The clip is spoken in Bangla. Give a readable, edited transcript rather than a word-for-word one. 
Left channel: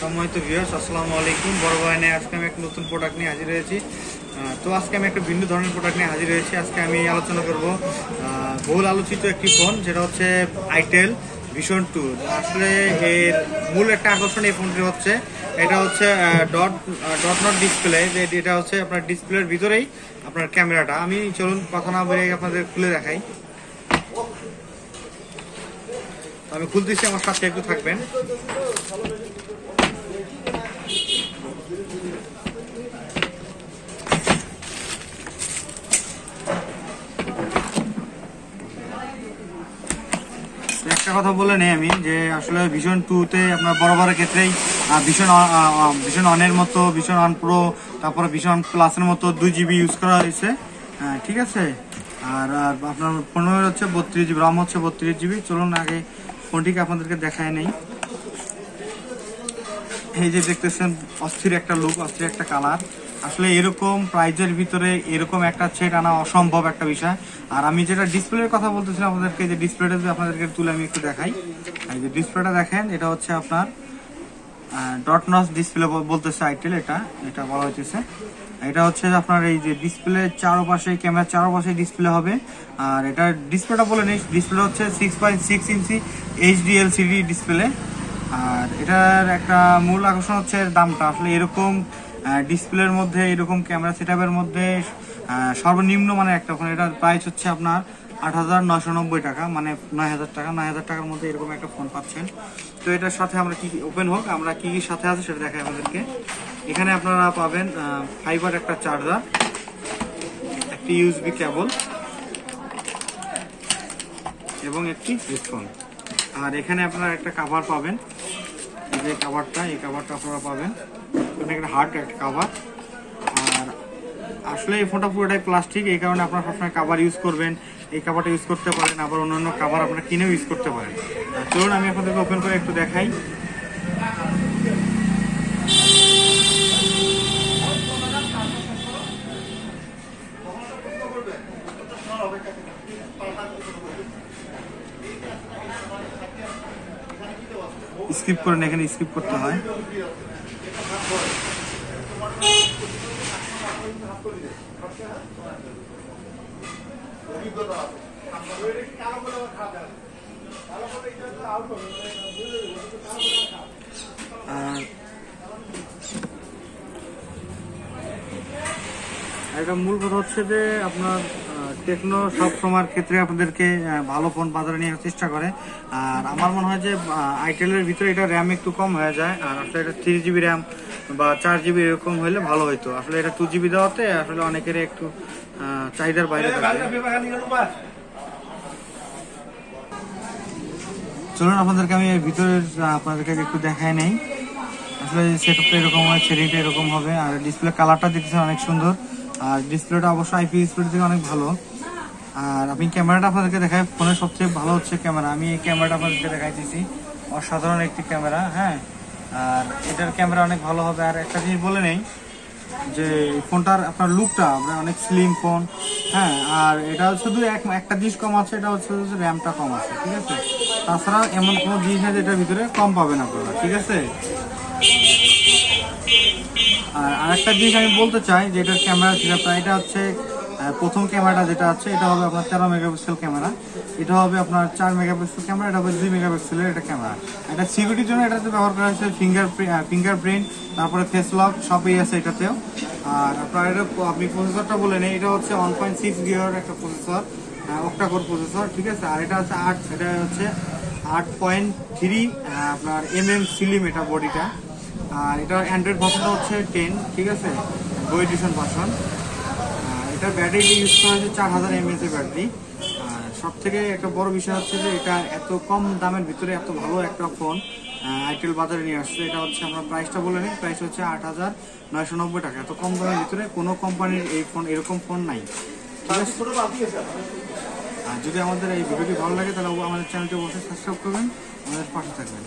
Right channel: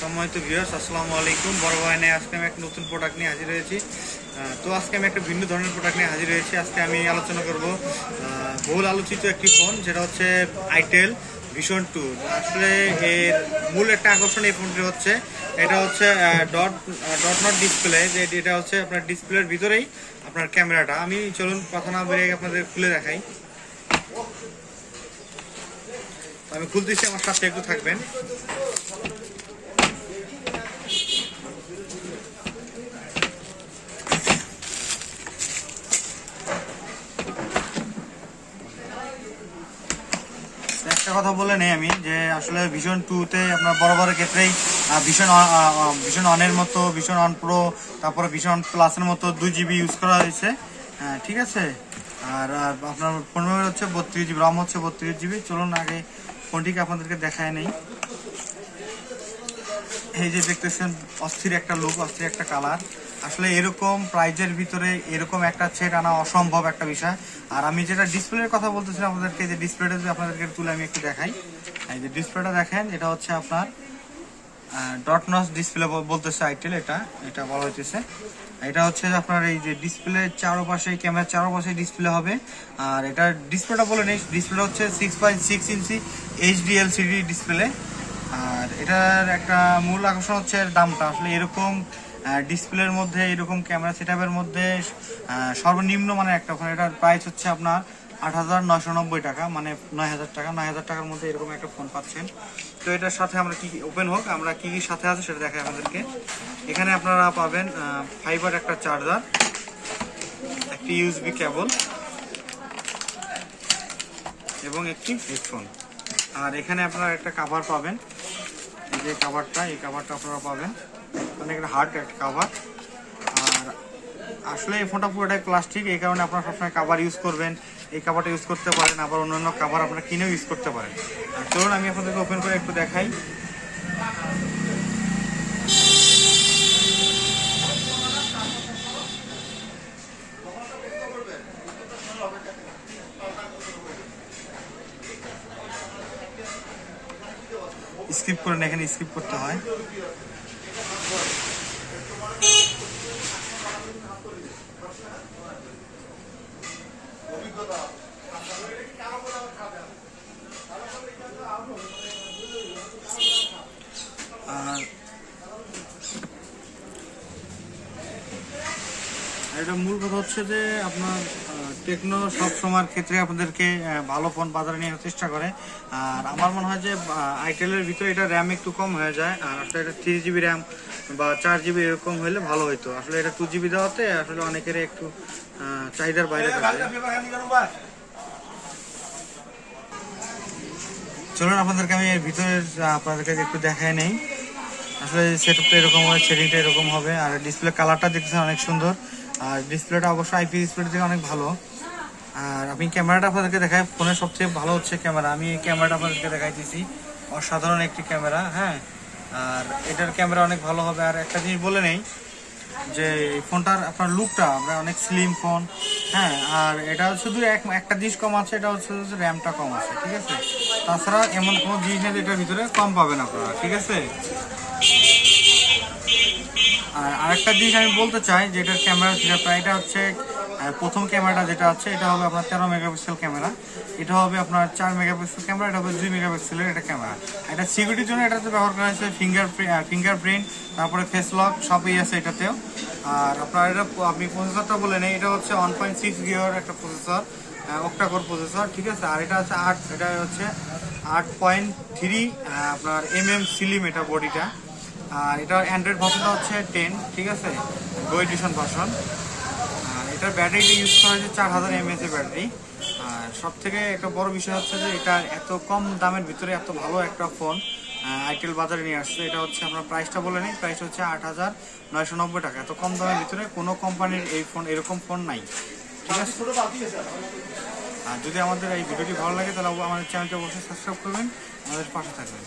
সম্মানিত ভিউয়ার্স, আসসালামু আলাইকুম। বড় ভাই আজকে আমি একটা নতুন প্রোডাক্ট নিয়ে হাজির হয়েছি। তো আজকে আমি একটা ভিন্ন ধরনের প্রোডাক্ট নিয়ে হাজির হয়েছি। আজকে আমি আলোচনা করব বহুল আলোচিত একটি ফোন, যেটা হচ্ছে আইটেল ভিশন 2। আসলে এর মূল একটা আকর্ষণ এই ফোনটি হচ্ছে, এটা হচ্ছে ডট নট ডিসপ্লে। যে এটা হচ্ছে আপনার ডিসপ্লের ভিতরেই আপনার ক্যামেরাটা। আমি চলুন কথা না বলে আপনাদের খুলে দেখাই। আমি খুলতেছি, আমার সাথে একটু থাকবেন। একটা কথা বলে নেই আমি, যে আসলে ভিশন 2-তে আপনার বড় ক্ষেত্রেই ভিশন অনের মতো, ভিশন অন প্রো, তারপরে ভিশন প্লাসের মতো 2GB ইউজ করা হয়েছে। ঠিক আছে। আর আপনার ফোনের হচ্ছে 32GB, রম হচ্ছে 32GB। চলুন আগে ফোনটিকে আপনাদেরকে দেখায় নেই। এই যে দেখতেছেন, অস্থির একটা লুক, অস্থির একটা কালার। আসলে এরকম প্রাইজের ভিতরে এরকম একটা সেট আনা অসম্ভব একটা বিষয়। আর আমি যেটা ডিসপ্লের কথা বলতেছিলাম আপনাদেরকে, যে ডিসপ্লেটা যদি আপনাদেরকে তুলে আমি একটু দেখাই। এই যে ডিসপ্লেটা দেখেন, এটা হচ্ছে আপনার ডট নচ ডিসপ্লে বলতেছে আইটেল, এটা বলা হচ্ছে। এটা হচ্ছে আপনার এই যে ডিসপ্লে চারপাশে, ক্যামেরার চারপাশে ডিসপ্লে হবে। আর এটা ডিসপ্লেটা বলে নিই, ডিসপ্লে হচ্ছে 6.6 ইঞ্চি এইচডি এলসিডি ডিসপ্লে। আর এটার একটা মূল আকর্ষণ হচ্ছে দামটা। আসলে এরকম ডিসপ্লের মধ্যে, এরকম ক্যামেরা সেটআপের মধ্যে সর্বনিম্ন মানে একটা ফোন, এটার প্রাইস হচ্ছে আপনার 8,990 টাকা, মানে 9,000 টাকা। 9,000 টাকার মধ্যে এরকম একটা ফোন পাচ্ছেন। তো এটার সাথে আমরা কি ওপেন হোক, আমরা কি কি সাথে আছে সেটা দেখাই আমাদেরকে। এখানে আপনারা পাবেন ফাইবার একটা চার্জার, একটি ইউএসবি কেবল এবং একটি হেডফোন। আর এখানে আপনারা একটা কভার পাবেন, এই যে কভারটা, এই কভারটা আপনারা পাবেন। এখানে একটা হার্ড একটা কভার। আর আসলে এই ফোনটা পুরোটাই প্লাস্টিক, এই কারণে আপনারা সবসময় কভার ইউজ করবেন। এই কভারটা ইউজ করতে পারেন, আবার অন্যান্য কভার আপনারা কিনেও ইউজ করতে পারেন। আর চলুন আমি আপনাদেরকে ওপেন করে একটু দেখাই। স্কিপ করেন, এখানে স্কিপ করতে হয়। এটা মূল কথা হচ্ছে যে আপনার টেকনো সব সময়ের ক্ষেত্রে আপনাদেরকে ভালো ফোন বাজারে নিয়ে আসার চেষ্টা করে। আর আমার মনে হয় যে আইটেলের ভিতরে এটা র্যাম একটু কম হয়ে যায়। আর আসলে এটা 3GB র্যাম বা 4GB এরকম হলে ভালো হইতো। আসলে এটা 2GB দেওয়াতে আসলে অনেকের একটু চাহিদার বাইরে থাকে। চলুন আপনাদেরকে আমি এর ভিতরে আপনাদেরকে একটু দেখায় নেই। আসলে সেটআপটা এরকম হবে, সেটিংটা এরকম হবে। আর ডিসপ্লে কালারটা দেখতেছেন অনেক সুন্দর। আর ডিসপ্লেটা অবশ্যই আইপি ডিসপ্লে থেকে অনেক ভালো। আর আমি ক্যামেরাটা আপনাদেরকে দেখাই। ফোনের সবচেয়ে ভালো হচ্ছে ক্যামেরা। আমি এই ক্যামেরাটা আপনাদেরকে দেখাইতেছি, অসাধারণ একটি ক্যামেরা। হ্যাঁ, আর এটার ক্যামেরা অনেক ভালো হবে। আর একটা জিনিস বলে নেই, যে ফোনটার আপনার লুকটা আমরা অনেক স্লিম ফোন। হ্যাঁ, আর এটা শুধু একটা জিনিস কম আছে, এটা হচ্ছে র্যামটা কম আছে। ঠিক আছে, তাছাড়া এমন কোনো জিনিস নেই এটার ভিতরে কম পাবেন আপনারা। ঠিক আছে। আর আরেকটা জিনিস আমি বলতে চাই, যে এটার ক্যামেরা সেটআপটা, এটা হচ্ছে প্রথম ক্যামেরাটা যেটা আছে, এটা হবে আপনার 13 মেগাপিক্সেল ক্যামেরা। এটা হবে আপনার 4 মেগাপিক্সেল ক্যামেরা, এটা হবে 2 মেগাপিক্সেলের এটা ক্যামেরা। এটা সিকিউরিটির জন্য এটাতে ব্যবহার করা হয়েছে ফিঙ্গারপ্রিন্ট, তারপরে ফেস লক সবই আছে এটাতেও। আর আপনার এটা আপনি প্রসেসরটা বলে নেই, এটা হচ্ছে 1.6 গিগার একটা প্রসেসর, অক্টা কোর প্রসেসর। ঠিক আছে। আর এটা হচ্ছে 8.3 আপনার স্লিম এটা বডিটা। আর এটা অ্যান্ড্রয়েড ভার্সনটা হচ্ছে 10। ঠিক আছে, গো এডিশন ভার্সন। এটার ব্যাটারিটা ইউজ করা হয়েছে 4000 mAh এর ব্যাটারি। আর সব থেকে একটা বড় বিষয় হচ্ছে যে এটা এত কম দামের ভিতরে এত ভালো একটা ফোন আইটেল বাজারে নিয়ে আসছে। এটা হচ্ছে আমরা প্রাইসটা বলে নিই, প্রাইস হচ্ছে 8,990 টাকা। এত কম দামের ভিতরে কোনো কোম্পানির এই ফোন, এরকম ফোন নাই। ঠিক আছে। আর যদি আমাদের এই ভিডিওটি ভালো লাগে, তাহলে আমাদের চ্যানেলটি অবশ্যই সাবস্ক্রাইব করবেন, আমাদের পাশে থাকবেন।